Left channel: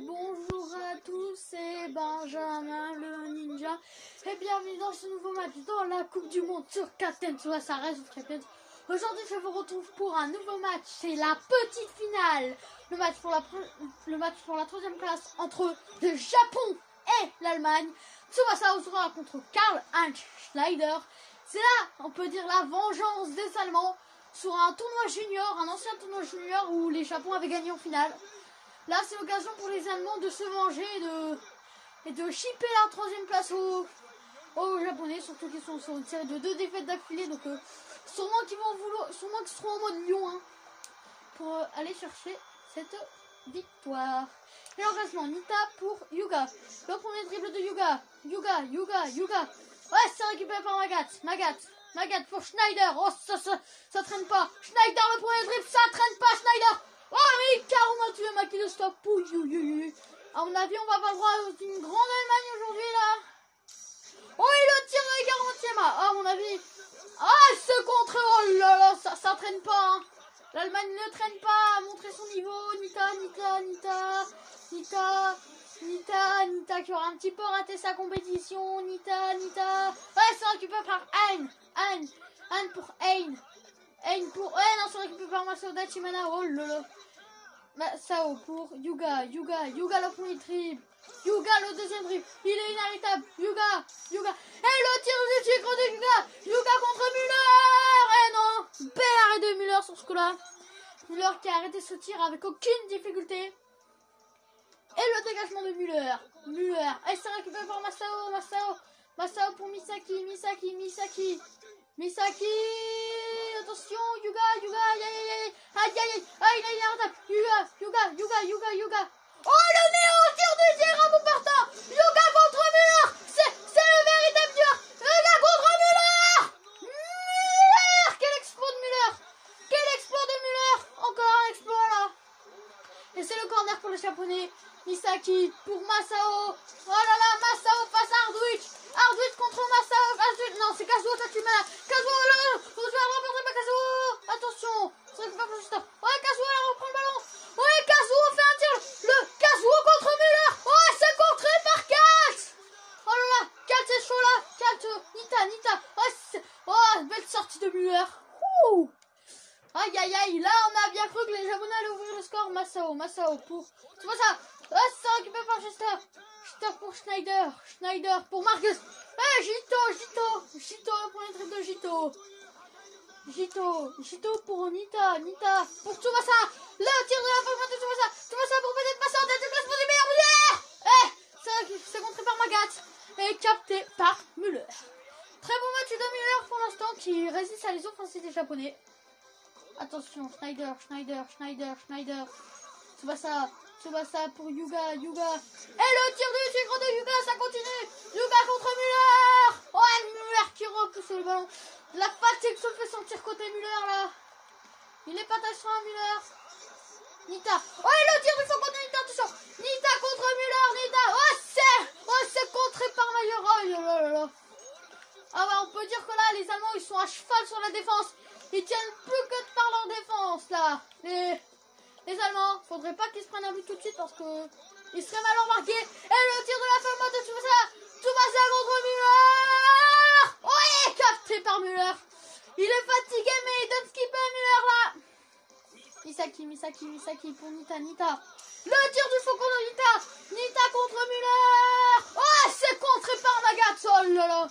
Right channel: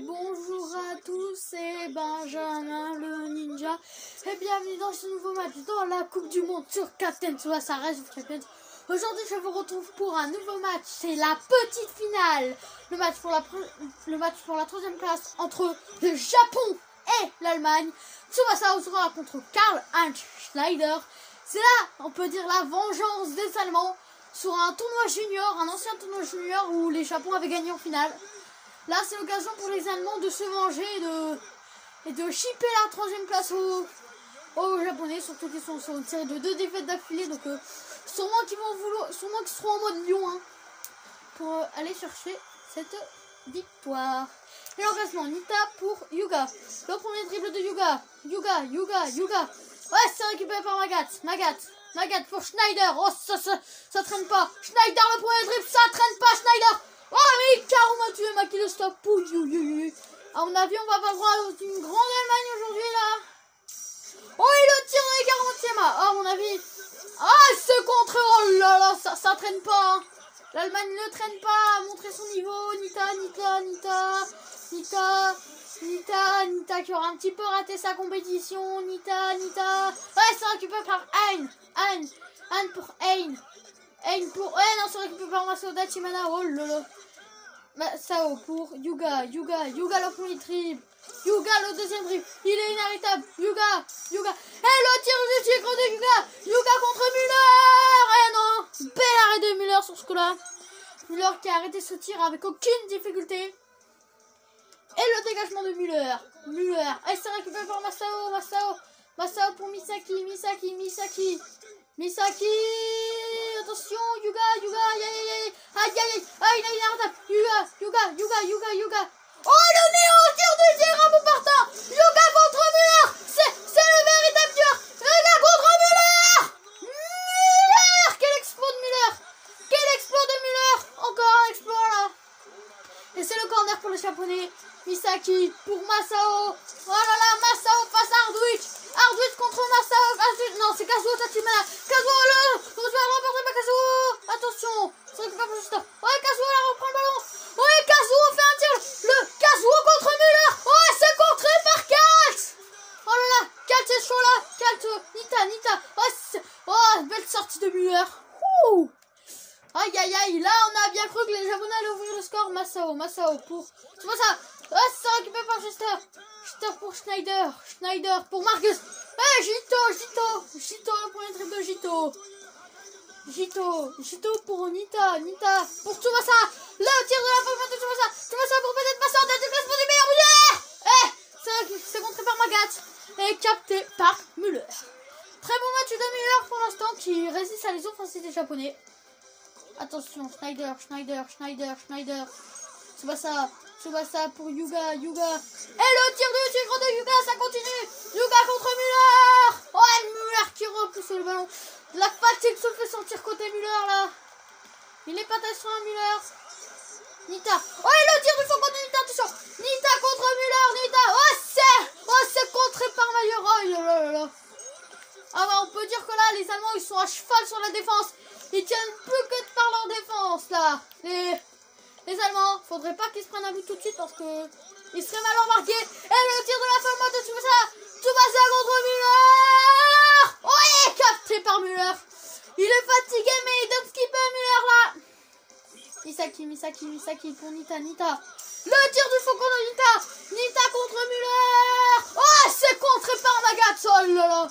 bonjour à tous, c'est Benjamin le Ninja et bienvenue dans ce nouveau match dans la Coupe du Monde sur Captain Tsubasa Rise of Champions. Aujourd'hui je vous retrouve pour un nouveau match, c'est la petite finale, le match pour la troisième place entre le Japon et l'Allemagne. Tsubasa Ozora contre Karl-Heinz Schneider. C'est là, on peut dire, la vengeance des Allemands sur un tournoi junior, un ancien tournoi junior où les Japon avaient gagné en finale. Là, c'est l'occasion pour les Allemands de se venger et de chipper la troisième place aux Japonais, surtout qu'ils sont tirés de 2 défaites d'affilée. Donc, sûrement qu'ils seront en mode lion pour aller chercher cette victoire. Et l'engagement, Nita pour Yuga. Le premier dribble de Yuga. Yuga. Ouais, c'est récupéré par Magat pour Schneider. Oh, ça traîne pas. Schneider, le premier dribble, ça traîne pas, Schneider. Oh, mais Karuma Tuema qui le stoppe. À mon avis, on va avoir le droit d'une grande Allemagne aujourd'hui, là. Oh, il le tire de Karuma Tuema. Oh, à mon avis. Ah, ce contre. Oh là là, ça traîne pas. Hein. L'Allemagne ne traîne pas. A montré son niveau. Nita qui aura un petit peu raté sa compétition. Nita. Ouais, c'est récupéré par Hein pour Hein pour... Ouais, non, c'est récupéré par Masao Dachimana. Oh lolo. Masao pour Yuga, le premier dribble. Yuga, le deuxième dribble. Il est inarrêtable. Yuga. Et le tir de écran de Yuga contre Müller. Eh non. Bel arrêt de Müller sur ce coup-là. Müller qui a arrêté ce tir avec aucune difficulté. Et le dégagement de Müller. Et c'est récupéré par Masao pour Misaki. Attention, Yuga. Aïe, il est inarrêtable. Yuga. Oh, le néo tir du tir à bout partant. Yuga contre Müller. C'est le véritable dur. Yuga contre Müller. Quel exploit de Müller. Encore un exploit là. Et c'est le corner pour les Japonais. Misaki pour Masao. Oh là là, Masao face à Ardwich contre Masao. Non, c'est Kazuo Tachimana. Attention, c'est récupéré par Justin. Ouais, Kazuo là reprend le ballon. Ouais, Kazuo fait un tir. Le Kazuo contre Müller. Ouais, c'est contré par Kalt. Oh là là, Kalt est chaud là. Kalt, Nita. Ouais, belle sortie de Müller. Ouh. Aïe, là on a bien cru que les Japonais allaient ouvrir le score. Masao pour... Tu vois ça? Ouais, c'est récupéré par Juster pour Schneider pour Marcus. Ouais, Jito, le premier trip de Jito pour Nita pour Tsubasa. Le tir de la pomme de Tsubasa pour peut-être passer en tête du classement du meilleur Müller. C'est contré par Magat et capté par Müller. Très bon match de Müller pour l'instant qui résiste à les offensives des Japonais. Attention, Schneider. Tsubasa pour Yuga. Et le tir de tigre de Yuga, ça continue. Yuga contre Müller. Ouais, Müller qui repousse le ballon. La fatigue se fait sentir côté Müller là. Il est pas sur un Müller. Nita. Oh, et le tir du faux contre Nita, attention. Nita contre Müller. Oh, c'est contré par Mayer. Oh là là. Ah bah, on peut dire que là, les Allemands, ils sont à cheval sur la défense. Ils tiennent plus que par leur défense là. Les Allemands, faudrait pas qu'ils se prennent un but tout de suite parce que ils seraient mal embarqués. Et le tir de la femme de Tsubasa contre Müller. Ouais, capté par Müller. Il est fatigué mais il donne ce qu'il peut à Müller là. Misaki pour Nita. Le tir du faucon de Nita contre Müller. Oh, c'est contré par Magat. Oh là là.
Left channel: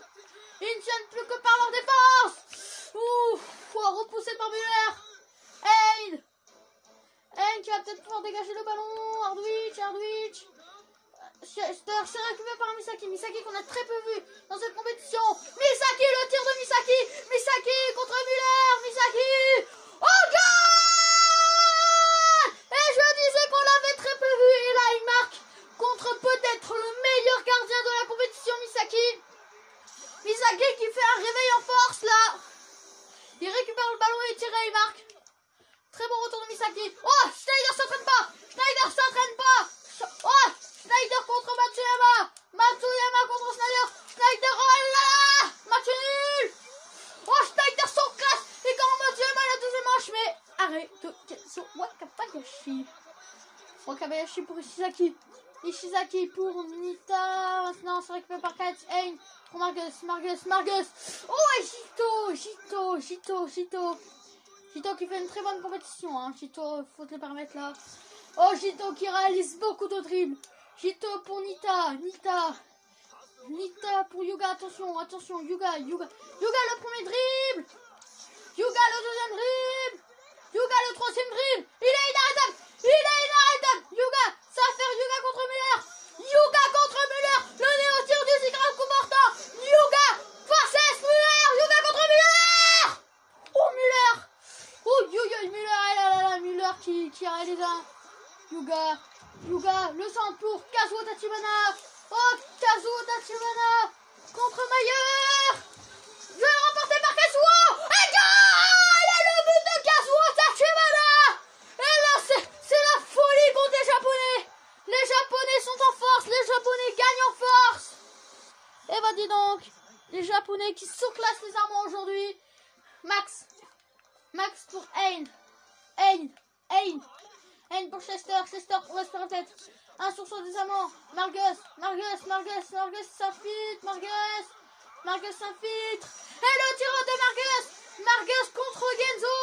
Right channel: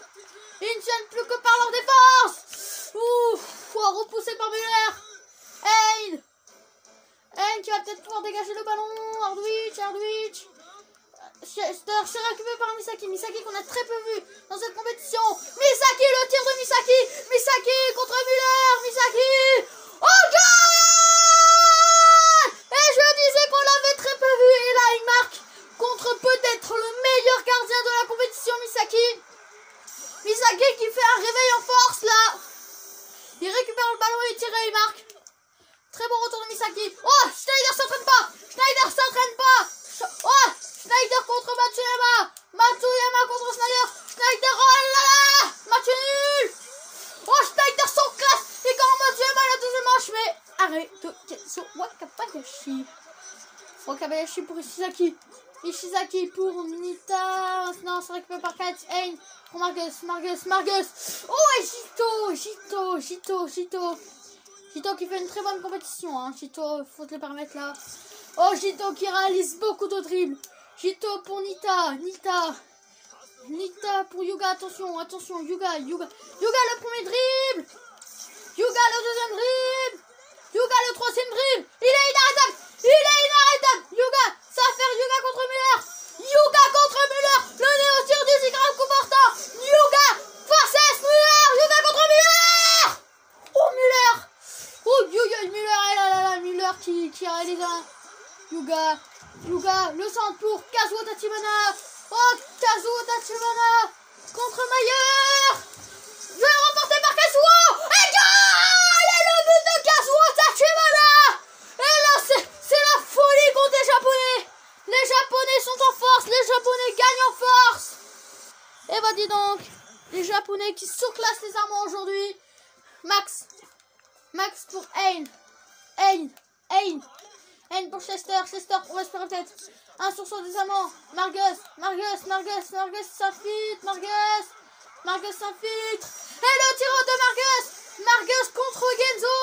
Ils ne tiennent plus que par leur défense. Ouf, repoussé par Müller. Hein qui va peut-être pouvoir dégager le ballon. Ardwich. C'est récupéré par Misaki qu'on a très peu vu dans cette compétition. Misaki, le tir de Misaki contre Müller. Oh, goal! Et je disais qu'on l'avait très peu vu. Et là, il marque contre peut-être le meilleur gardien de la compétition, Misaki qui fait un réveil en force là. Il récupère le ballon et il tire et il marque. Très bon retour de Misaki. Oh, Schneider s'entraîne pas. Oh, Schneider contre Matsuyama contre Schneider. Oh là là. Mathieu nul. Oh, Schneider son classe. Et quand Matsuyama la deuxième manche, mais Wakabayashi pour Ishizaki. Ishizaki pour Nita. Maintenant, c'est récupéré par Kate. Ain pour Margus. Oh, et Jito qui fait une très bonne compétition. Hein. Jito, faut te les permettre là. Oh, Jito qui réalise beaucoup de dribbles. Jito pour Nita pour Yuga. Attention, Yuga le premier dribble. Yuga le deuxième dribble. Yuga le troisième dribble. Il est inarrêtable. Yuga, ça va faire Yuga contre Müller. Le néo-tir du grave comportant. Yuga versus Müller. Yuga contre Müller. Oh, Müller. Oh, Müller. Müller qui réalise un. Yuga, le centre pour Kazuo Tachibana. Oh, Kazuo Tachibana contre Mayer. Je vais remporter par Kazuo. Et le but de Kazuo Tachibana. Et là, c'est la folie contre les Japonais. Les Japonais sont en force. Les Japonais gagnent en force. Et bah dis donc, les Japonais qui surclassent les Allemands aujourd'hui. Max pour Ain pour Chester pour Wester peut-être. 1 sur 100 des Allemands. Margus s'infiltre. Et le tir de Margus contre Genzo.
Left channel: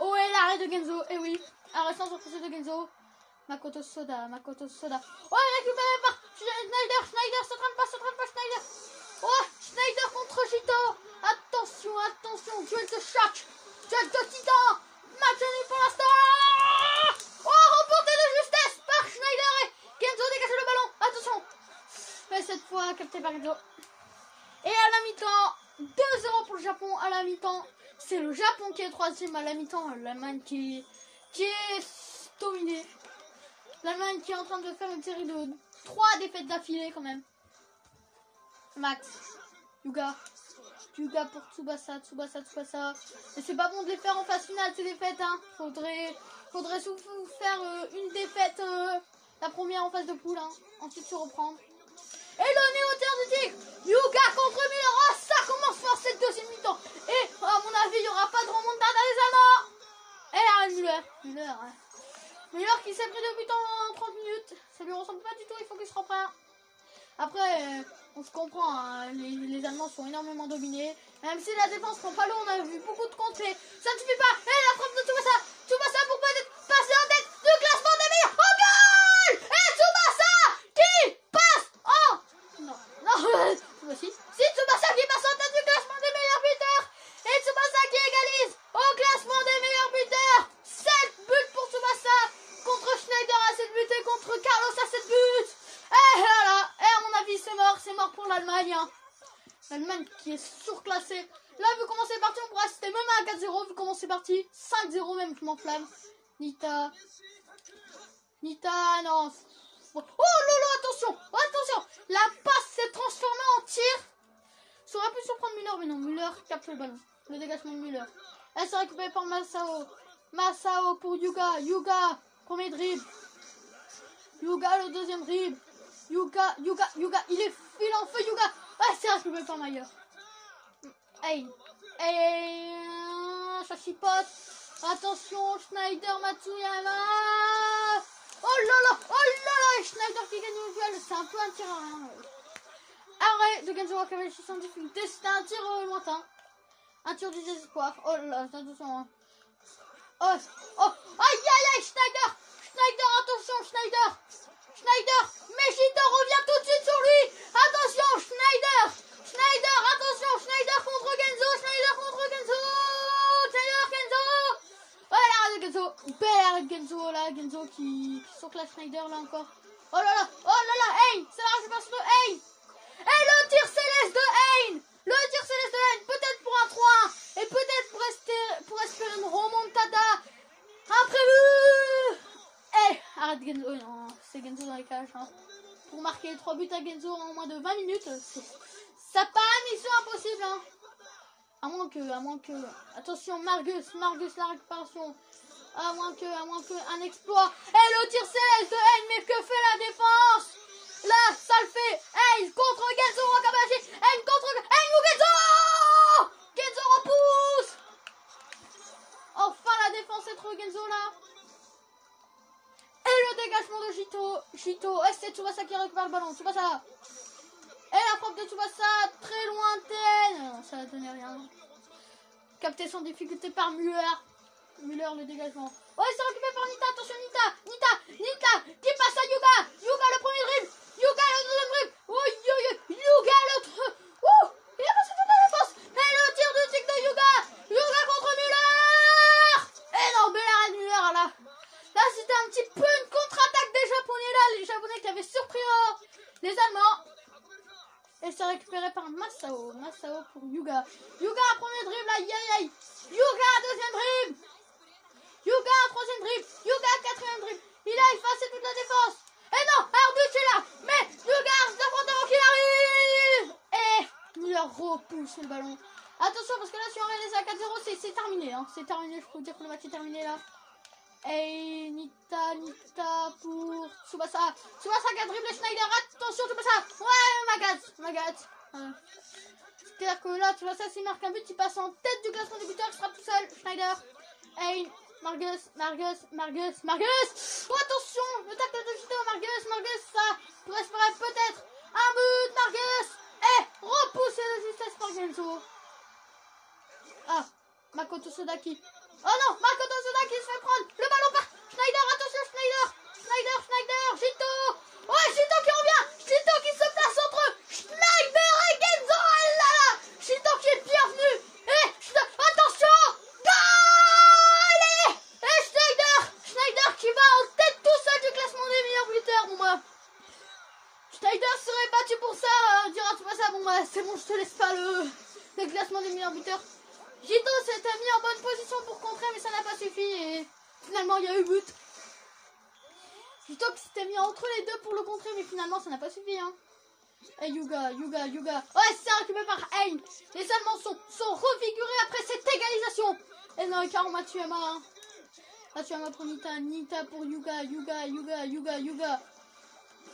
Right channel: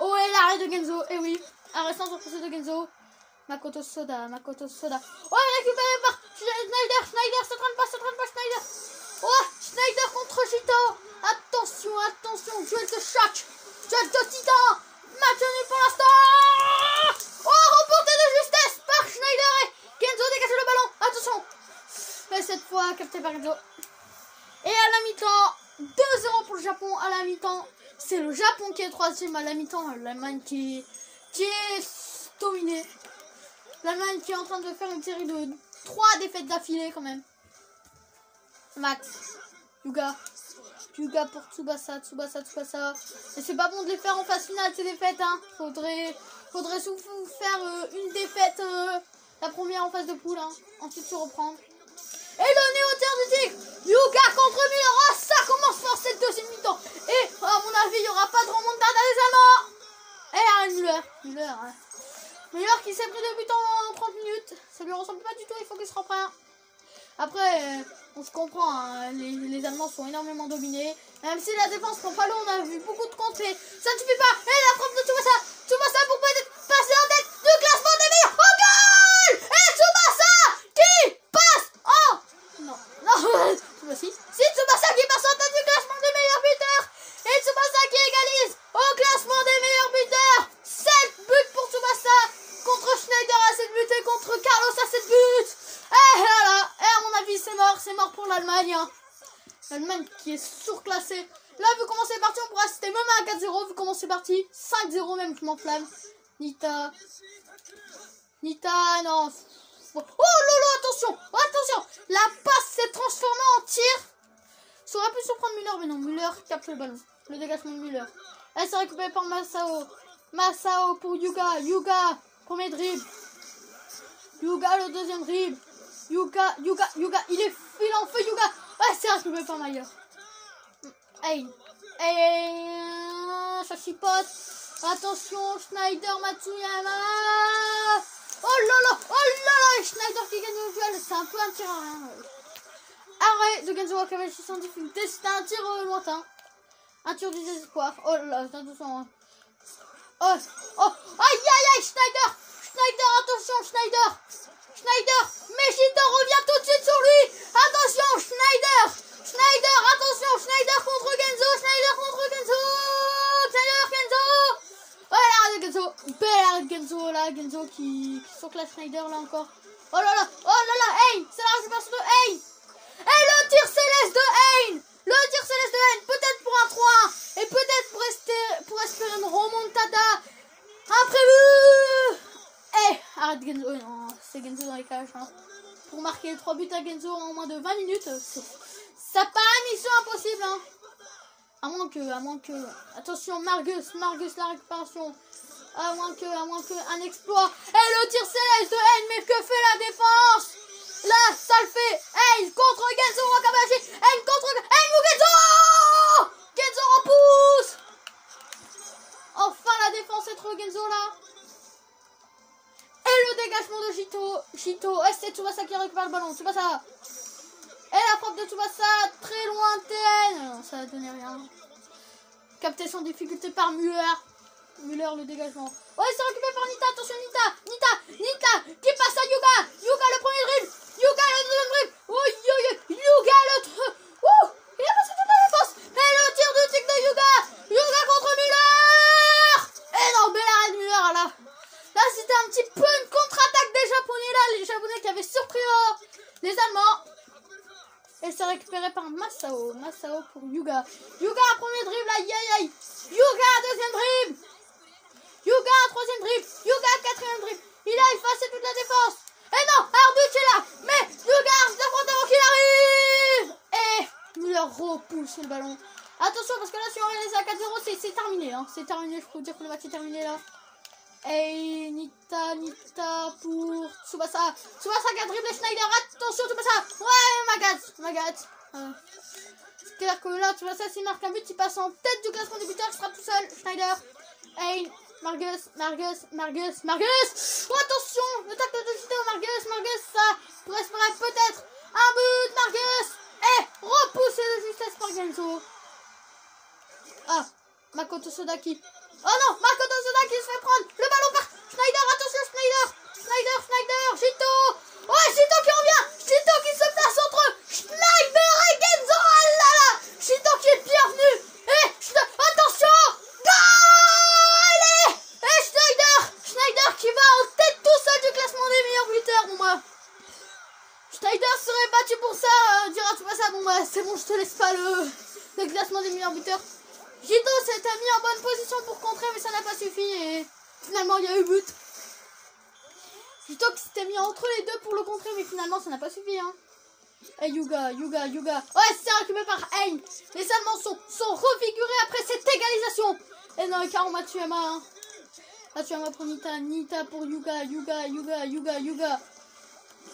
Oh, et l'arrêt de Genzo. Et oui, arrêt sans surprise de Genzo. Makoto Soda. Oh, récupéré par Schneider, se trompe pas Schneider. Oh, Schneider contre Jito. Attention, duel de choc. Duel de titan. Match nul pour l'instant. Oh, remporté de justesse par Schneider. Et Genzo dégage le ballon. Attention. Et cette fois, capté par Genzo. Et à la mi-temps, 2-0 pour le Japon. À la mi-temps, c'est le Japon qui est troisième. À la mi-temps, l'Allemagne qui est dominée. L'Allemagne qui est en train de faire une série de 3 défaites d'affilée quand même. Max, Yuga pour Tsubasa. Et c'est pas bon de les faire en phase finale ces défaites. Hein. Faudrait surtout faire une défaite, la première en phase de poule. Hein. Ensuite se reprendre. Et le néo-tir du tigre. Yuga contre Müller. Oh, ça commence fort cette deuxième mi-temps. Et à mon avis, il n'y aura pas de remontada des Allemands. Et arrête Müller qui s'est pris 2 buts en 30 minutes. Ça lui ressemble pas du tout, il faut qu'il se reprenne. Après, on se comprend, hein, les Allemands sont énormément dominés. Même si la défense prend pas l'eau, on a vu beaucoup de contrées. Ça ne suffit pas. Et la frappe de Tsubasa pour passer en tête du classement des meilleurs. Oh, goal. Et Tsubasa qui passe en... Non, si Tsubasa qui passe en tête du classement des meilleurs buteurs. Et Tsubasa qui égalise au classement des meilleurs buteurs. 7 buts pour Tsubasa contre Schneider à 7 buts et contre Carlos à 7 buts. Et voilà, et à mon avis c'est mort pour l'Allemagne. Hein. L'Allemagne qui est surclassée. Là, vu comment c'est parti, on pourra assister même à 4-0. Vu comment c'est parti, 5-0 même, je m'enflamme. Nita, non. Oh lolo, attention. La passe s'est transformée en tir. Ça aurait pu surprendre Müller, mais non, Müller capte le ballon. Le dégagement de Müller. Elle s'est récupérée par Masao pour Yuga, premier dribble. Yuga le deuxième dribble. Yuga, il est en feu Yuga. Ouais, c'est récupéré par Mayer. Hey, ça chipote. Attention, Schneider, Matsuyama. Oh là là, Schneider qui gagne le duel. C'est un peu un tir à rien. Arrêt de Genzo Wakabayashi sans difficulté. C'était un tir lointain. Un tir du désespoir. Oh là là, c'est 200. Oh, aïe, Schneider, attention, Schneider, mais Jito revient tout de suite sur lui. Attention, Schneider, contre Genzo, Oh, l'arrêt de Genzo, belle arrêt de Genzo, là, Genzo qui surclasse Schneider, là, encore. Oh là là, hey, c'est la récupération de Hey. Et le tir céleste de Hein, peut-être pour un 3-1, et peut-être pour espérer une remontada imprévue. Arrête Genzo, non, c'est Genzo dans les cages. Hein. Pour marquer 3 buts à Genzo en moins de 20 minutes, ça paraît mission impossible. Hein. À moins que... Attention, Margus, la récupération. À moins que un exploit. Et le tir céleste de Hein, mais que fait la défense? Là, ça le fait. Hein contre Genzo Wakabayashi. Hein ou Genzo. Genzo repousse. Enfin, la défense est trop Genzo là. Et le dégagement dégagement de Jito. Et c'est Tsubasa qui récupère le ballon. Tsubasa. Et la frappe de Tsubasa, très lointaine. Non, ça a donné rien. Capté sans difficulté par Müller. Müller, le dégagement. Oh, il s'est récupéré par Nita. Attention, Nita qui passe à Yuga. Yuga, le premier dribble. Yuga, le deuxième dribble. Oh, Yuga, l'autre. Il a passé toute la défense. Et le tir de tic de Yuga. Yuga contre Müller. Et non, belle arrêt de Müller, là. Là, c'était un petit peu une contre-attaque des Japonais, là. Les Japonais qui avaient surpris les Allemands. Et c'est récupéré par Masao. Masao pour Yuga. Yuga, premier dribble, aïe. Yuga, deuxième dribble. Yuga, troisième dribble. Yuga, quatrième dribble. Il a effacé toute la défense. Et non, Arbuch est là. Mais Yuga s'affronte avant qu'il arrive. Et Müller repousse le ballon. Attention, parce que là, si on réalise à 4-0, c'est terminé. Hein. C'est terminé, je peux vous dire que le match est terminé là. Et Nita pour Tsubasa. Tsubasa qui a dribblé Schneider. Attention, Tsubasa. Ouais, Magat. C'est-à-dire que là, Tsubasa, s'il marque un but, il passe en tête du classement des buteurs. Il sera tout seul. Schneider. Et Margus. Oh, attention, le tacle de Jito. Margus, ça pourrait se faire peut-être un but. Margus. Et repoussé de justesse par Genzo. Ah, Makoto Sodaki. Oh non, Makoto Sodaki se fait prendre. Le ballon par Schneider. Attention, Schneider. Jito. Ouais, Jito qui revient. Jito qui se place entre Schneider et Genzo. Ah là là. Jito qui est bienvenu. Et attention. Allez. Et Schneider qui va en tête tout seul du classement des meilleurs buteurs. Bon bah, Schneider serait battu pour ça. Dira-tu pas ça. Bon bah, c'est bon, je te laisse pas le classement des meilleurs buteurs. Jito s'était mis en bonne position pour contrer, mais ça n'a pas suffi et finalement il y a eu but. Jito qui s'était mis entre les deux pour le contrer, mais finalement ça n'a pas suffi. Hein. Et Yuga. Ouais, c'est récupéré par Hein. Les Allemands sont revigorés après cette égalisation. Et non, Hikaru Matsuyama. Hein. Matsuyama pour Nita pour Yuga.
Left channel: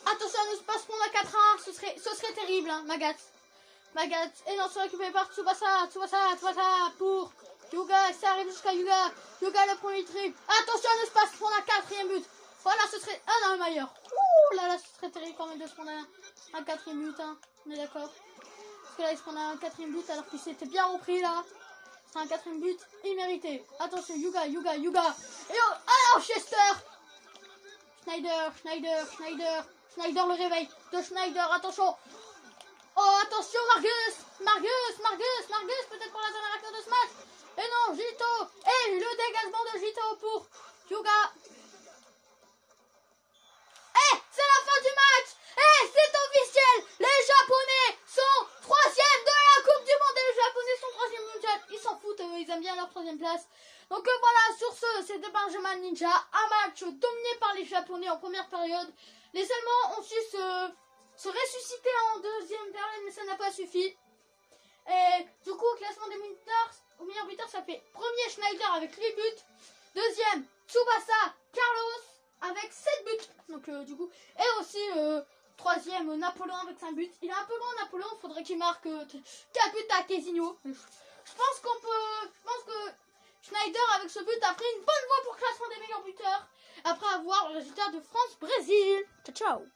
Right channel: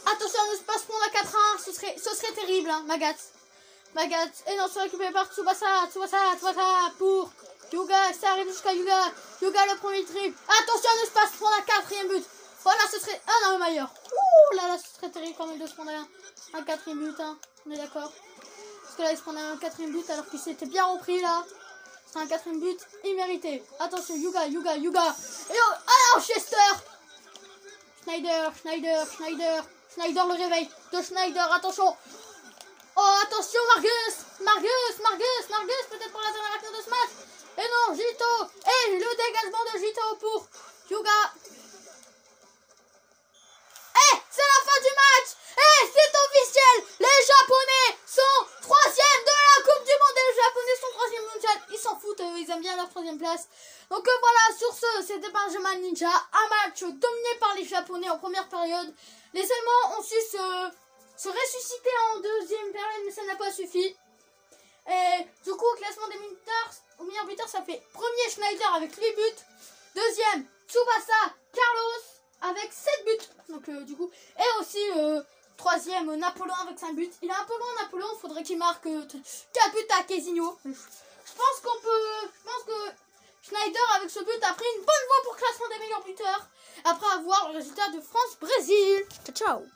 Attention, ne se passe pas à 4-1, ce serait terrible, hein, Magat. Et non, c'est récupéré par Tsubasa pour Yuga, ça arrive jusqu'à Yuga. Yuga, le premier trip. Attention, ne se passe prendre un quatrième but. Voilà, ce serait... Ah non, le meilleur. Ouh là, ce serait terrible quand même de se prendre un quatrième but, hein. On est d'accord. Parce que là, il se prend un quatrième but alors qu'il s'était bien repris, là. C'est un quatrième but immérité. Attention, Yuga. Et oh, alors, Chester. Schneider, le réveil de Schneider, attention. Oh, attention, Margus, peut-être pour la dernière action de ce match. Et non, Jito. Et le dégagement de Jito pour Yuga. Et c'est la fin du match. Et c'est officiel. Les Japonais sont 3e de la Coupe du Monde. Et les Japonais sont 3e mondial. Ils s'en foutent, ils aiment bien leur 3e place. Donc voilà, sur ce, c'était Benjamin Ninja. Un match dominé par les Japonais en première période. Les Allemands ont su se ressusciter en deuxième période, mais ça n'a pas suffi. Et du coup, au classement des meilleurs buteurs, ça fait premier Schneider avec 8 buts. Deuxième, Tsubasa Carlos avec 7 buts. Donc du coup, et aussi troisième, Napoléon avec 5 buts. Il est un peu loin, Napoléon, il faudrait qu'il marque 4 buts à Kezinho. Je pense que Schneider avec ce but a pris une bonne voie pour le classement des meilleurs buteurs. Après avoir le résultat de France-Brésil. Ciao.